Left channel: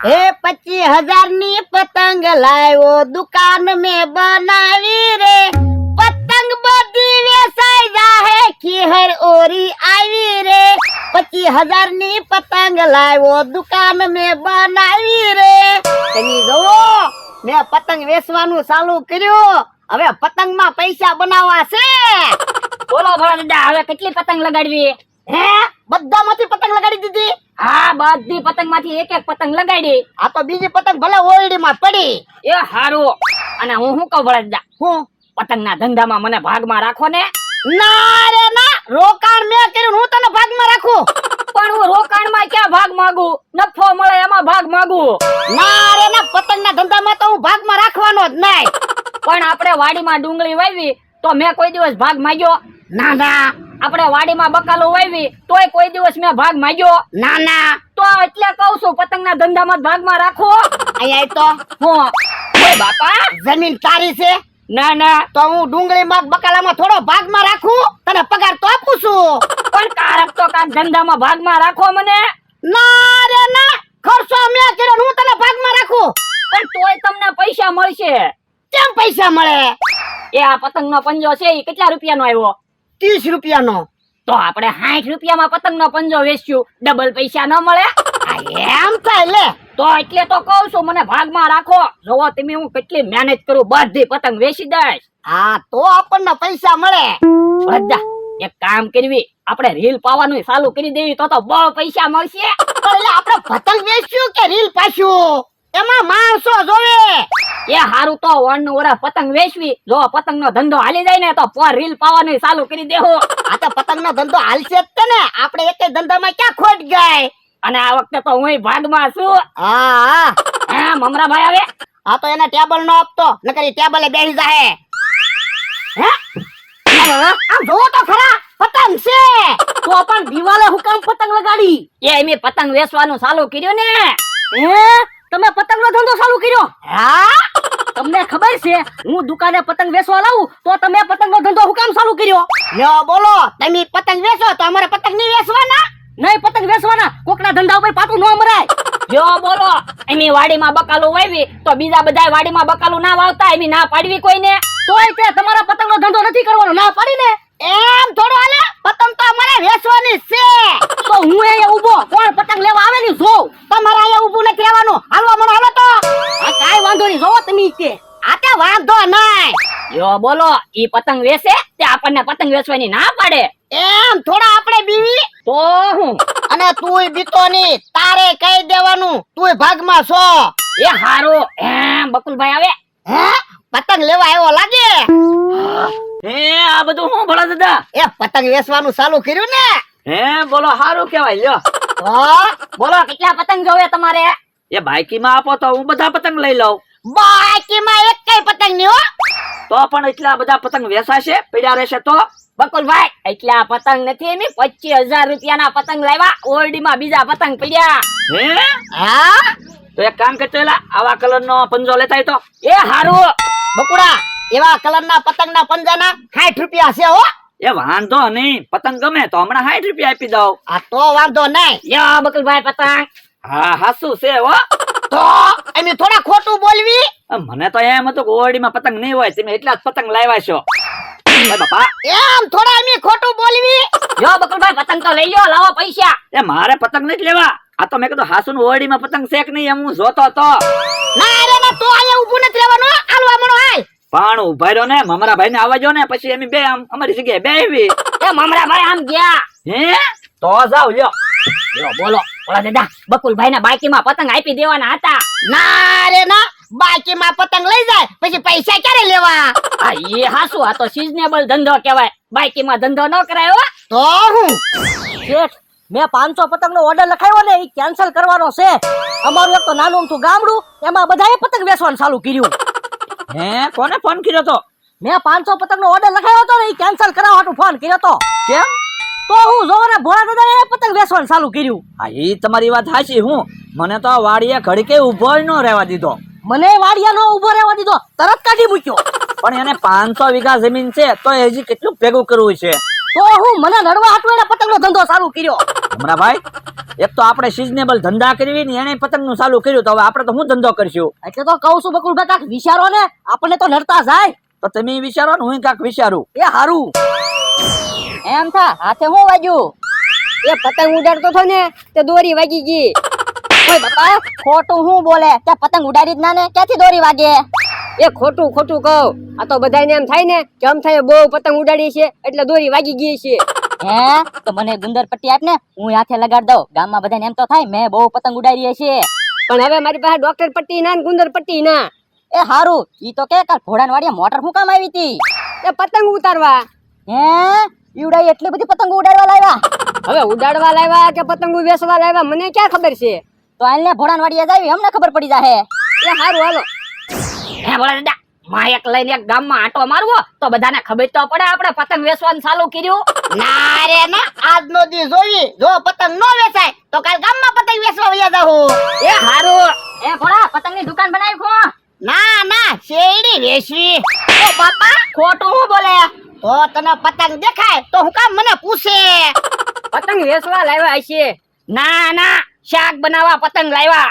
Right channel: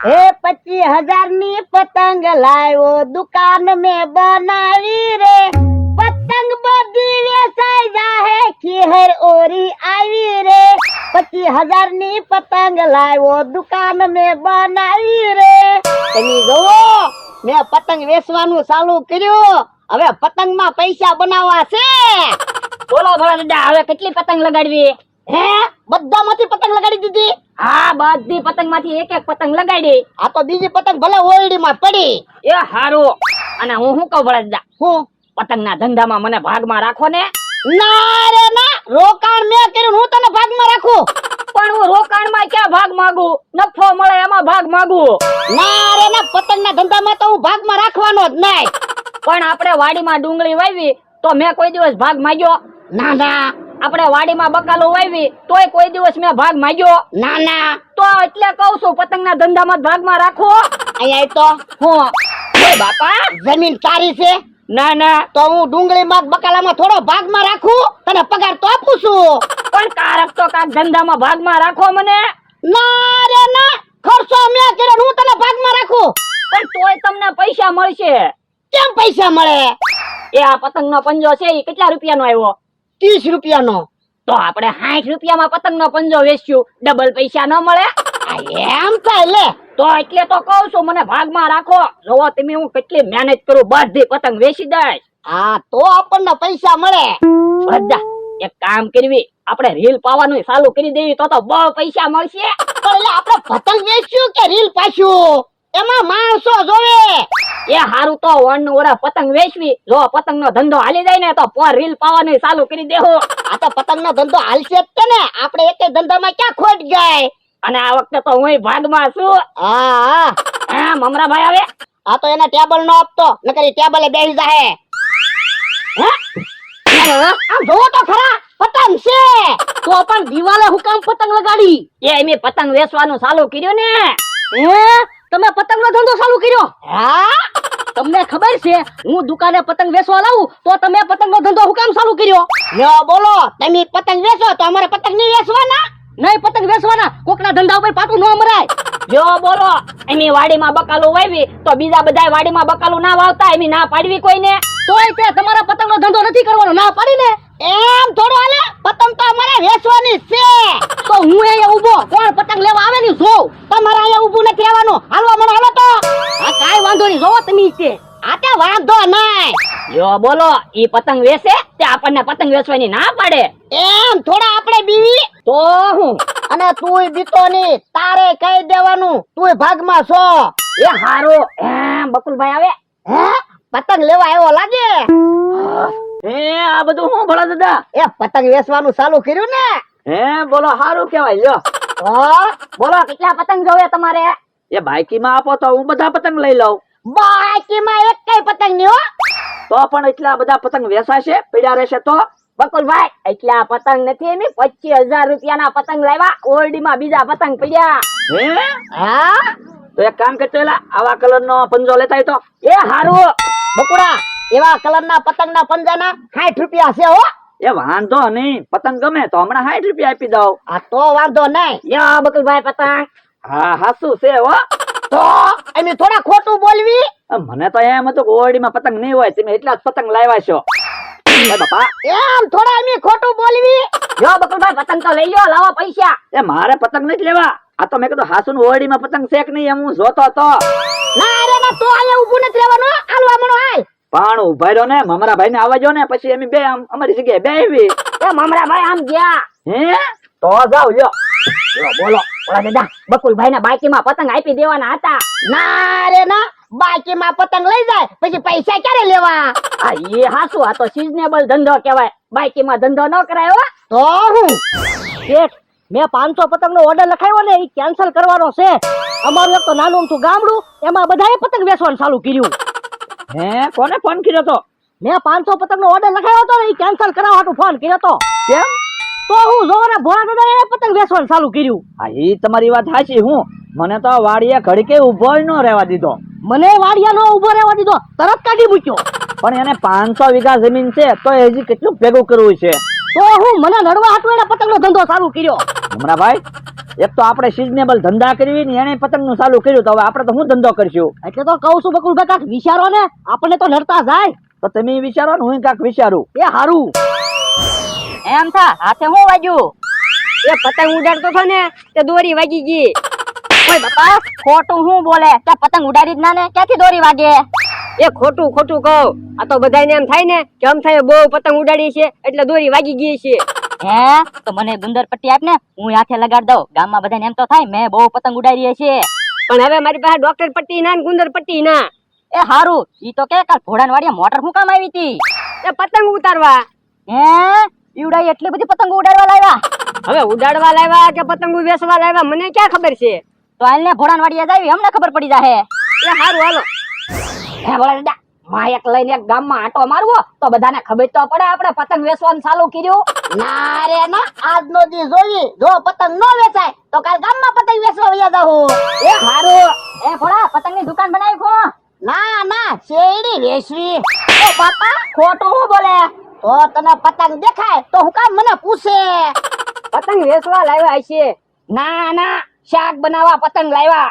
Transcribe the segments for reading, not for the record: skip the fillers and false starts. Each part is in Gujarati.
એ 25,000 ની પતંગ લાવ્યો દુકાન में બનાવી રે પતંગ બધી વેચાઈ જાહે ખીહર ઓરી આવી રે 25,000 ની પતંગ લાવ્યો દુકાન में બનાવી રે તમે જોવો મેં પતંગ વેચવાનું ચાલુ કર્યું હવે પતંગમાં પૈસા બનાવવા છે બોલો ભોળા હવે કેટલી પતંગ લગાડવી હે બધામાંથી પતંગ લગાડી દીધી હા બધી પતંગ માંથી એક એક પતંગ લગાડી આ તો બીજી પતંગ ભલે ઓરડી માં પડી એ હારું અને હું શું કહું ભોળા હું પતંગના ધંધામાં મને ભાગમાં રાખો ને ના રે ના રોકાણ મેં કર્યું હું તને ભાગમાં રાખું પણ હું રોકાણમાં ક્યાં ભાગ માંગુ નફો મળે એમાં ભાગ માંગુ ના રે ના પતંગના ધંધામાં તો હું ભાગમાં રાખવાનો જ નહીં પણ આપણે વાડીમાં ડુંગળી વાવી તો મેં કોઈ દિવસ ભાગ માંગ્યો ના ના આપણે વાડીમાં બકાલો વાવી તોય કોઈ દિવસ મેં ભાગ માંગ્યો ના ના તો એટલે કહું છું પતંગના ધંધામાં ભાગમાં રાખો અહીંયા તો હું ઓય બાપા જમીન તારી છે ના ના તો હું ડુંગળીમાં બકાલામાં થોડો ભાગમાં રાખું તને પગાર તો આપું છું પણ કારક તો કાક ધંધામાં ભાગમાં રાખો મને ના રે ના ખર્ચો મેં કર્યો હું તને ભાગમાં રાખું પણ તોય તમને પૈસા મળશે કેમ પૈસા મળે એ આ પતંગનો પંજો છે એ કેટલા રૂપિયાનો આવ્યો 30 રૂપિયાનો તો આપણે 60 રૂપિયામાં પતંગનો પંજો વેચ્યું ડબલ પૈસા ન મળે એમ થાય લે તો એટલે તો કહું છું મને ભાગમાં રાખો જોવો તમે હું કેટલી મહેનત કરું બધી પતંગ વેચી દઈશ હા તો આપણને પૈસા મળે બધા એક કામ કરવી આપણે રીલ પાવાનું ચાલુ કરી દેવી તો બહુ પૈસા મળશે એટલે આપણે પતંગ વેચ્યું કે રીલ પાછું એમાં માણસો જોવે એ હારું તો વણનું વરસ પતંગ વેચવી જો પતંગનો ધંધો હાલી જાય ને તો પર રીલ પાવાનું ચાલુ કરી દેવો આ તો પતંગનો ધંધો હાલશે જ તે ને આપણે એકે ધંધામાં ક્યાં ખોટ ગઈ અને આ વખતે તો હું ભાગમાં છું હા હા મમરાભાઈ આવે આ તો એને ટેબલ નો આપતો નકર ઈ ટેબલે બેસી જાહે આમ જોવો તો ખરા પતંગ છે તો પણ દિવાલે હુકામ પતંગ લગાડી એ મેં પતંગ વેચવાનું ચાલુ કર્યું ને તમે પતંગનો ધંધો ચાલુ કર્યો હા તમને ખબર છે હું દુકાને પતંગ વેચવા લાવું તો તમે પતંગનો ધંધો હુકામ ચાલુ કર્યો લ્યો બોલો તમે પતંગ વેચો તો અમારે પતંગ નહીં વેચવાના નહીં પતંગ વેચવાના કોકના ધંધા ઉપર પાટું ન મરાય જો બોલો એની વાડીમાં બકાલો વાવી તો બીજા બધાય વાડીમાં બકાલો ના વાવતા એની ના પાડવી કોઈને તોય તે તમારા પતંગનો ધંધો નથી કરવાનો ના પાડી ને એમ થોડો હાલે પતંગ તો અમારે વેચવાની છે તો હું અહીંયા ઊભો કોણ પતંગ લેવા આવે ને જો તમારે અહીંયા ઊભું નથી રહેવાનું હાલો મને હાલો તો આ કાઈ વાંધો નહીં જોવો તમે છે આ તે વાંધો નહીં જો બોલો ઈ પતંગ વેચે તે આપણને પતંગ વેચવાની ના પાડે એમ થોડા આપણે બીવી તો હું અને તુંય બીતો ની તારે કહી દેવાનું તુંય ભાગમાં છો એ હારો એમ બકુલભાઈ આવે હે પતંગ લેવા આવ્યો લાગે એ આ બધું હું ભલા દાદા એ પતંગ વેચવાનું ચાલુ કર્યું ને હે બોલો હારું કેવાય લ્યો હા બોલો કેટલા પતંગ જોવે તમારે એ બાઈકીમાં આપો તો હું બધા પતંગ લઈ લઉં બાકીમાં એક કઈ પતંગ નહીં હો તો પણ એટલા બધા પતંગ વેચાશે પડ્યા રહેશે તો બકુલભાઈ એટલા પતંગ નથી એમ 25,000 રૂપિયાના પતંગ લાવ્યા ઓરડીમાં બીજા પતંગ પડ્યા હે હા તો એક કામ કરતો એલા આવા કલરનો પંજો લેતા તો એ હારું બકુડા એવા કલરના પતંગના પંજાના 60 રૂપિયા છે હો એ વાંધો નહીં પતંગ ગમે તો હમણાં 60 રૂપિયા આપી દઉં આ તો વાંધો નહીં યા બકુલભાઈ પતંગ હા હાસુ છે હો તો એમે થોડા ખોટું બોલવી મને તો એમ હતું કે ઓરડીમાં પતંગ નહીં હોય તમે એટલા જ પતંગ લાવ્યા છો બાપા એમ થોડા એમે ખોટું બોલવી યો બકુલભાઈ પતંગ તો લઈ લ્યો લાવો પૈસા એ મારે પતંગ નથી લેવા આ તો મેં કીધું હાસુ ઓરડીમાં પતંગ શેક નહીં એમ હું જોતો હતો ના રે ના તો અહીંયા ઊભું નથી રહેવાનું હાલવા મણો હાલ પણ ઉભા રહ્યો ને મમરાભાઈ ને આવવા જો ને પછી એમ બે અમારી જગ્યાએ બે આવી એ મમરાભાઈ આમ ગયા હે તો જાવ લ્યો બોલો ઓલા દાદા બકુલભાઈ ના બાઈકીમાં પતંગ આપી દેવાના હતા ના રે ના બાકીમાં પતંગ લઈ જાય પછી પૈસા ક્યારે લેવા આ એ હાસુ આ તો સિઝનેબલ ધંધો કહેવાય બાઈકીમાં ધંધો ન કરાય હો તો હું શેઠ મેં 500 પતંગ નો ઓર્ડર લખાયો ને એ કેન્સલ કરવાનો છે અમારું તો નાનું તો ગામડું એમાં બધાએ પતંગ વેચવાનું ચાલુ કર્યું હે કોને ફોન કર્યો તો મેં 500 પતંગ નો ઓર્ડર લખાયો તો ને એ કેન્સલ કરાવવાનું ફોન કર્યો તો કેમ તો હું જો ને ભોળા દાદાએ પતંગ વેચવાનું ચાલુ કર્યું હા એ તમારી વાત સાચી હું મને તો વાડીએ ઘડીકે ઉભો ન રહેવા દીધો મને વાડિયા નો ઉભો રહેવા દીધો તરત કાઢી મૂક્યો પણ એને 500 વીઘા જમીન છે તો હજી કેટલું ભેગું કરવું છે તો હું મને નડવા હાટુ એના પતંગનો ધંધો ચાલુ કર્યો. હમણાં ભાઈ એક તો આપણે સિઝનેબલ ધંધા કરવી ને એને પતંગનું ચાલુ કર્યું તો હવે આપણે તો શું ધંધો કરશું? એટલે તો કહું છું બકુલભાઈ કાંઈક વિચારો ને, આપણને તો નડતા જાય. તો તમે વિચારો ને હું કાંઈક વિચારું. એ હારું. એમ થા હાથે હું વાગ્યું? એ પતંગ ઉડાડતો હતો ને તે દોરી વાગી ગઈ. ઓય બાપા ખોટું હું બોલે? તે પતંગ ઉડાડી જ ના ને, ક્યાંથી દોરી વાગે? એ ખોટું ખોટું કહું. આ તો બધાને એમ થાય ને કે આમ થાય બહુ પતંગ ઉડાડી છે એટલે દોરી વાગી ગઈ છે. હે તો મને ગુંદર પટ્ટી આપ ને, હું હાથે લગાડ દઉં. ગામમાં બધાને એમ તો થાય મેં બહુ પતંગ ઉડાડી છે. પણ હવે મારી પાસે ડોક્ટર પટ્ટી ના ને ગુંદર પટ્ટી ના. એ હારું, ઈ તો કે કાલ ઘોડાન વાડીએ મોટર હું કામ આવી હતી? એ પતંગ ઉતારવા. હે ઈવડાઈ એટલી બધી પતંગ ઉડાડવા લાવ્યા? હવે ઉડાડવા લાવ્યા કે પતંગ વેચવા લાવ્યા મને ક્યાં ખબર છે. તો આને ઘોડાન વાડીએ જાવી, અમને ખબર પડી જાહે. એ હારું હાલો. હે બોલા દાદા, માયક લઈને એક ગામમાં આટો મારવો તો બધાને ખબર તો પડે આપણે પતંગ વેચવાનું ચાલુ કર્યું. ના રે ના, આજનો દી જોઈ, જો પતંગ નો વેચાય તો કાલ ગામમાં પતંગ વેચવા વયા જાહું. એ હારું. એ ભોળા પતંગની દુકાન બનાવી ખો. ના ના, શેરડી વેચવી. ઓ બાપા ખોટું હું બોલે? તો તને પતંગ દેખાય તો હું કામ મને પૂછે? પતંગ વેચવા લાવ્યા છે. ના ના, શાક બનાવવા પતંગ લાવ્યા.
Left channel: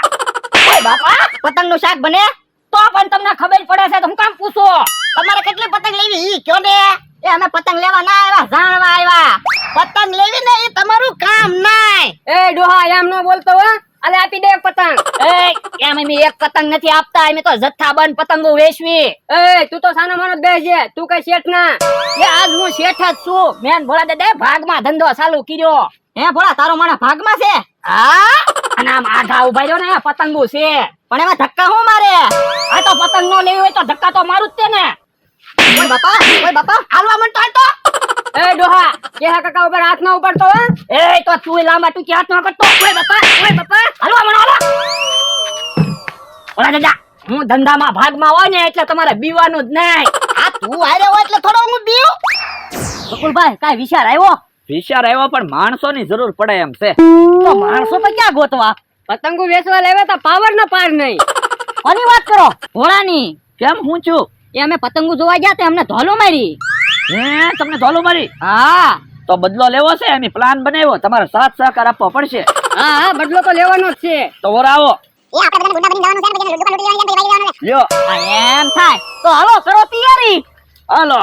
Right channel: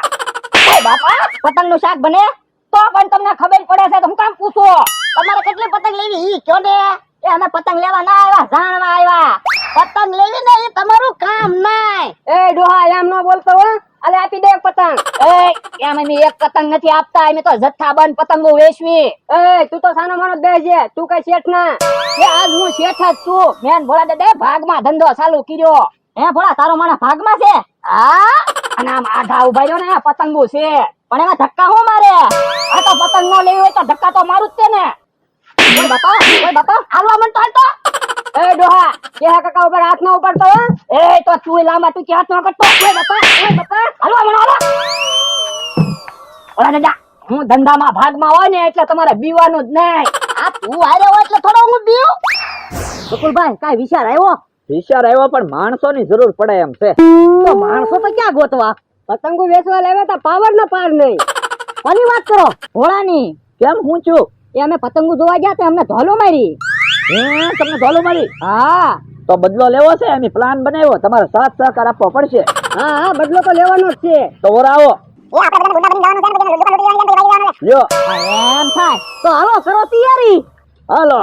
ઓય બાપા પતંગનું શાક બને તો પણ તમને ખબર પડે છે તો હું કામ પૂછો? તમારે કેટલી પતંગ લેવી ઈ કયો ને? એ અમે પતંગ લેવા ના આવ્યા, જાણવા આવ્યા. પતંગ લેવી ને એ તમારું કામ નાય. એ ડોહા એમ ન બોલતો હો. અલે આપી દે એક પતંગ. એ એમ અમે એક પતંગ નથી આપતા, અમે તો જથ્થાબંધ પતંગો વેચવી. એ તું તો સાનો માનો જ બેસજે, તું કઈ શેઠ ના. એ આજ હું શેઠ જ છું. મેન ભોળા દાદા ભાગમાં ધંધો ચાલુ કર્યો. હે ભોળા, તારો માણસ ભાગમાં છે? હા, અને આમ આધા ઉભા રહ્યો ને પતંગો છે. પણ એમાં ધક્કા હું મારે? આ તો પતંગ નો લેવી હોય તો ધક્કા તો મારું જ તે ને. ઓય બાપા હાલવા માંડતો હાલ તો. એ ડોહા કેહા કાકા ઉપર હાથ ના ઉપાડતો હો. એ તો તું લાંબા તું હાથ ન કરતો. ઓય બાપા હાલવા માંડો હાલો. ઓલા દાદા, હું ધંધામાં ભાગમાં હોય ને એટલે તમારે બીવાનું જ નહીં. આ તું હારે હોય એટલે થોડો હું બીઉં. બકુલભાઈ કાઈ વિચાર આવ્યો? વિચાર આવ્યો પણ માણસોની જરૂર પડે એમ છે. તો માણસો તો ક્યાં ગોતવા? પતંગો વેચવા લાવ્યા તો પાવર ના પાર નહીં. કોની વાત કરો? ઘોડાની. કેમ હું છું? એ અમે પતંગો જોવા ગયા તે અમને ધોલો મારી. હે તમને ધોલું મારી? હા તો બદલો લેવો છે, અમે પ્લાન બનાવ્યો, તમારે સાથ સહકાર આપવો પડશે. હા હા બદલો તો લેવાનો જ છે. તો ઓરાવો લ્યો. એમ થાય તો હાલો કરો તૈયારી. હાલો.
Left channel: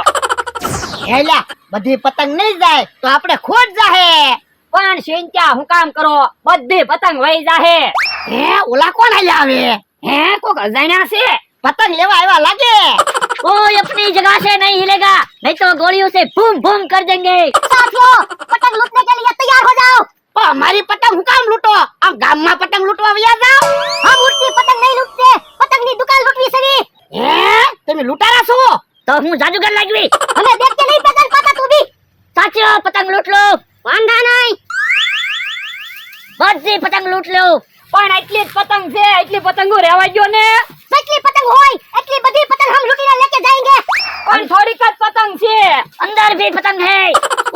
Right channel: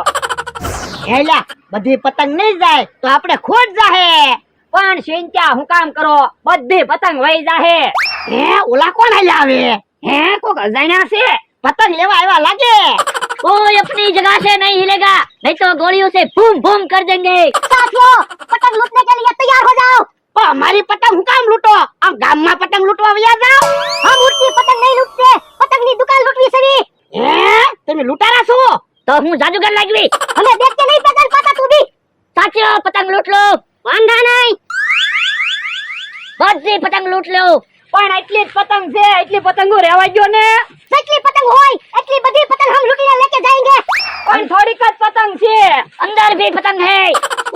હેલા બધી પતંગ નહીં જાય તો આપણે ખોટ જાહે. પણ સિંચા હું કામ કરો, બધી પતંગ વહી જાહે. હે ઓલા કોણ હાલ્યા આવે? હે કોક અજાણ્યા છે. પતંગ લેવા આવ્યા લાગે. कोई अपनी जगह से नहीं हिलेगा, नहीं तो गोलियों से बूम बूम कर देंगे. साथियों पतंग लूटने के लिए तैयार हो जाओ. પણ અમારી પતંગ હું કામ લૂંટો? આમ ગામમાં પતંગ લૂંટવા વયા જાઓ. હમ ઉડતી પતંગ નહીં લૂંટते, પતંગની દુકાન લૂંટવી છે. હે તમે લૂંટારા છો? तो हूँ जादूगर लगवी. હમે દેખ કે નહીં પતંગ પાતા તું બી. साथियों पतंग लूट लो. વાંધા નહીં. बड़ी पतंग लूट लो. પણ એટલી જ પતંગ છે, એટલી પતંગો રહેવા દો ને. જેટલી પતંગ હોય એટલી બધી પતંગ હમ લૂંટીને લેકે જાયેંગે. પણ થોડીક જ પતંગ છે. अंदर भी पतंग है.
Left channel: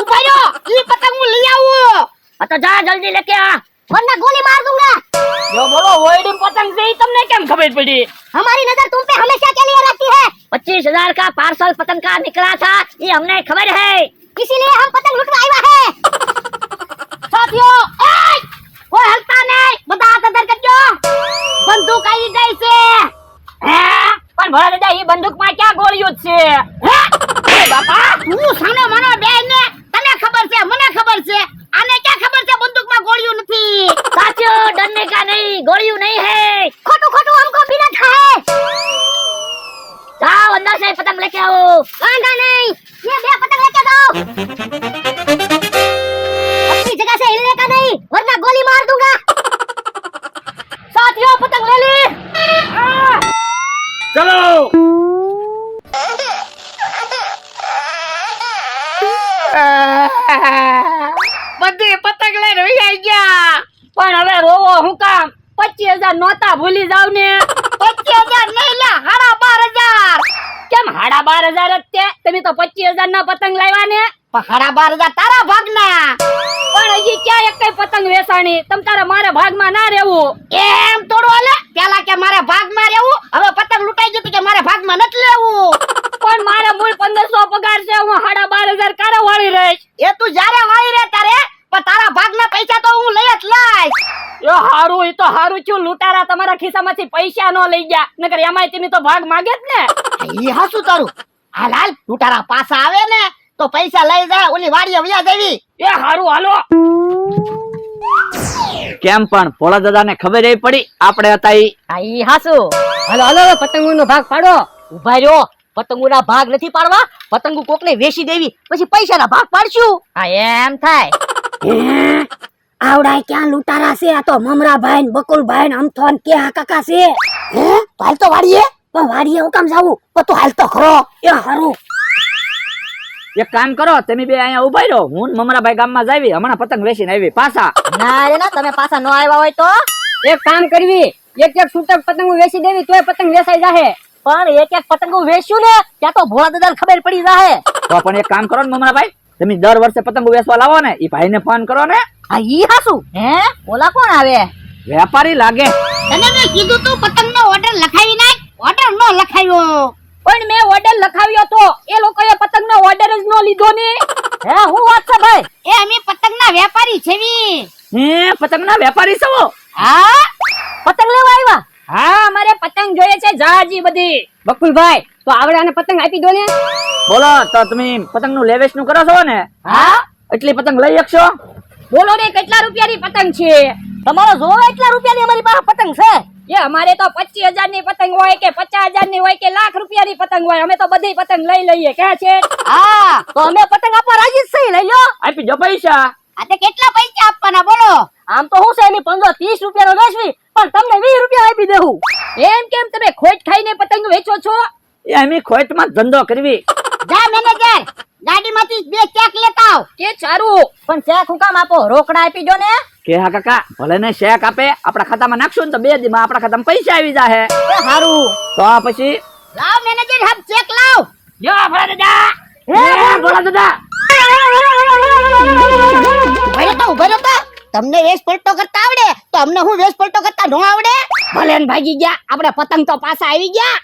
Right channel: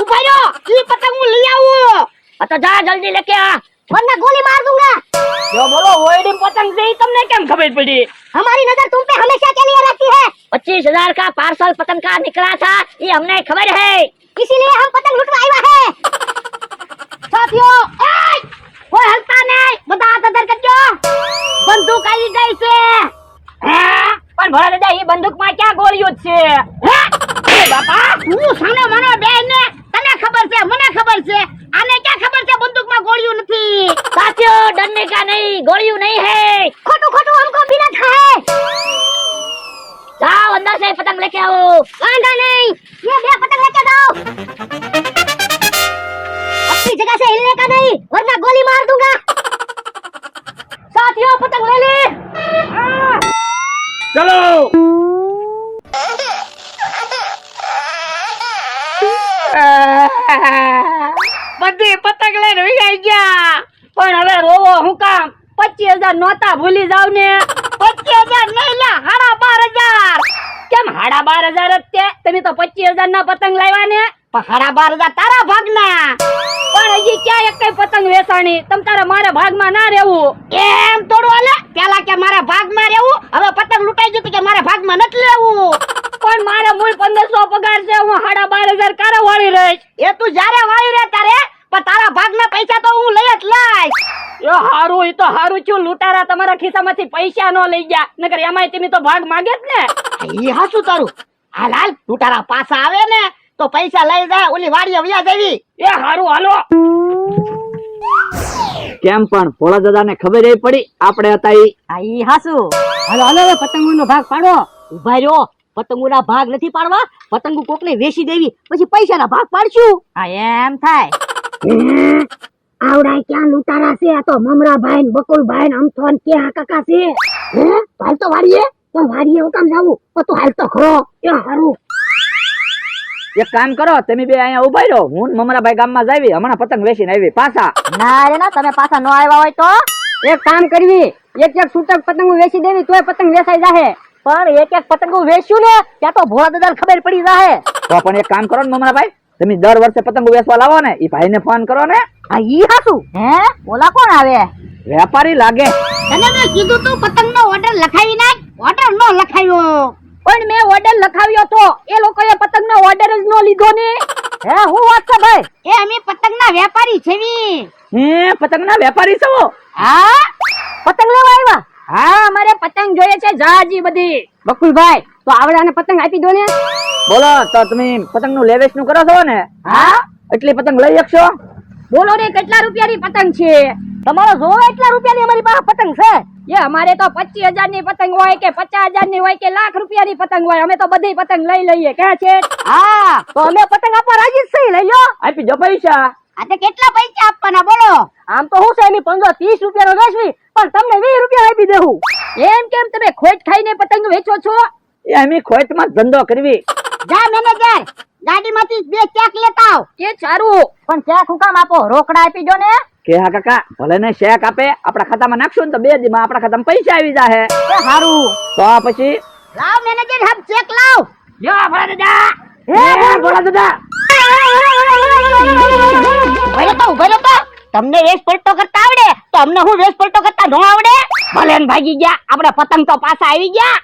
ઉભા રહો, ઈ પતંગ હું લઈ આવું. तो जा जल्दी लेके आ. वरना गोली मार दूंगा. जो बोलो वोड़ी पतंग से ही तुमने क्या खबर पड़ी? हमारी नजर तुम पे हमेशा के लिए रहती है. 25,000 का पार्सल पतंग का निकला था, ये हमने खबर है. इसीलिए हम पतंग लूटवा आया है. साथियों ओए, कोई हलता नहीं, બધા હાથ અંદર કરજો. બંદૂક આવી ગઈ છે. હા, પણ ભોળા દાદા એ બંદૂકમાં ક્યાં ગોળીઓ જ છે? હે બાપા, તું સાનો માનો બેન ને, તને ખબર છે મને ખબર છે, આને ક્યાં ખબર છે બંદૂકમાં ગોળીઓ નથી. साथियों डरने का नहीं, गोलियों नहीं है. ખોટું ખોટું हमको बिना है. जाओ अंदर से पतंग लेके आओ. वांधा नहीं, ये બે પતંग लेके जाओ. अपनी जगह से हिलने का नहीं, वरना गोली मार दूंगा. साथियों पतंग ले ले. ચલો. બધી પતંગ લઈને વહી ગયા. પણ હવે રોવો હું કામ? 25,000 નોતા ભૂલી જાવ ને. 25,000 નહીં લે, 12,500. કેમ 12,500 જ તે? તમે તો 25,000 ના પતંગ લાવ્યા ને. પણ 12,500 તારા ભાગના. પણ હજી ક્યાં એક કઈ પતંગ વેચાણી? તમ તારે મારા ભાગમાં ના રહેવું. એમ થોડું હાલે. પેલા કે મારા ભાગમાં રહેવું, હવે પતંગ લૂંટાઈ ગયું તો કે મારા ભાગમાં નથી લેવું. તો પણ મારા મૂળ 1500 પગાર છે, હું 12,500 કારે વાળી રહીશ. એ તું જ્યારે વાળી રે તારે, પણ તારા ભાગના પૈસા તો હું લઈ જ લાઈશ. યો હારું, ઈ તો હારું છું, લૂંટારા તમારા ખિસ્સામાંથી પૈસા નો લઈ ગયા, નકર એમાંય તમે તો ભાગ માંગે જ ને. ઈ હાસું તારું. હાલ હાલ, તું તારા પાછા આવે ને તો પૈસા લઈ જા, ઓલી વાડીએ વ્યા દેવી. એ હારું, હાલો. કેમ પણ ભોળા દાદાને ખબર એ પડી આપણે હતા ઈ? ઈ હાસુ. હાલો હાલો, પતંગોનો ભાગ પાડો. ઉભા રહ્યો, પતંગોના ભાગ નથી પાડવા, પતંગો કોકને વેચી દેવી, પછી પૈસાના ભાગ પાડશું. હા એમ થાય. આવડા ક્યાં લૂંટારા છે? આ તો મમરાભાઈ ને બકુલભાઈ ને અમથો ને ક્યાં કાકા છે. હે તો હાલ તો વાડીએ. પણ વાડીએ હું કામ જાવું? પણ તું હાલ તો ખરો. એ હારું. એક કામ કરો, તમે બે અહીંયા ઉભા રહો, હું ને મમરાભાઈ ગામમાં જાવી, હમણાં પતંગ વેચીને આવી પાછા. ના રે ના, તમે પાછા ન આવ્યા હોય તો એક કામ કરવી, એક એક છૂટક પતંગો વેચી દેવી, તોય પતંગ વેચાઈ જાહે. પણ એક એક પતંગો વેચ્યું ને ત્યાં તો ભોળા દાદાને ખબર પડી જાહે. તો પણ એક કામ કરો ને મમરાભાઈ, તમે દર વર્ષે પતંગો વેચવા લાવો ને, ઈ ભાઈને ફોન કરો ને. આ ઈ હાસુ. હે ઓલા કોણ આવે? વેપારી લાગે. તને મેં કીધું તું પતંગનો ઓર્ડર લખાવી નાખ. ઓર્ડર નો લખાવ્યો. પણ મેં ઓર્ડર લખાવ્યો તો, એ લોકોએ પતંગનો ઓર્ડર જ નો લીધો ને. હે હું વાત છે ભાઈ? એ અમે પતંગના વેપારી છેવી. હે પતંગના વેપારી છો? હા, પતંગ લેવા આવ્યા? હા, મારે પતંગ જોઈએ છે જાજી બધી. બકુલભાઈ તો આવડાને પતંગ આપી દો ને. બોલો તો તમે પતંગનું લેવેચનું કરો છો ને? હા, એટલી પતંગ લઈ શકશો? બોલો ને કેટલા રૂપિયાની પતંગ છે? તમારો જોવો એટલા રૂપિયાની અમારી પાસે પતંગ છે. એ અમારે તો 25,000 ની પતંગ હોય કે 50,000 ની હોય કે લાખ રૂપિયાની પતંગ હોય, અમે તો બધી પતંગ લઈ લઈએ. ક્યાં છે? હા તો અમે પતંગ આપવા રાજી જ છીએ. લઈ લો. આપી દો પૈસા. આ તે કેટલા પૈસા આપવાના બોલો? આમ તો હું છે એની 15-30 રૂપિયાનો વેચવી, પણ તમને 20 રૂપિયા આપી દેવું. એમ કેમ તમે ખોટ ખાઈને પતંગ વેચો છો? એ અમે ખોટમાં જ ધંધો કરવી. જા મેનેજર, ગાડીમાંથી 2 ચેક લેતા આવ. કે ચારું. પણ ચેક હું કામ આપો? રોકડા આપી દો ને. કે હા કાકા, ભલે ને શેક આપે, આપણા ખાતામાં નાખશું ને તો 2 દીમાં આપણા ખાતામાં પૈસા આવી જાહે. સારું. તો પછી લાવ મેનેજર, હમ ચેક લાવ. જો ભલા દાદા. હે ભોળા દાદા. ઉભો રહો તો. તમને વેશ પલટો કરતા આવડે તો અમને હું વેશ પલટો કરતા ન આવડે? ભલે ને ભાગી ગયા, આપણે પતંગ તો પાછા આવી ગયા.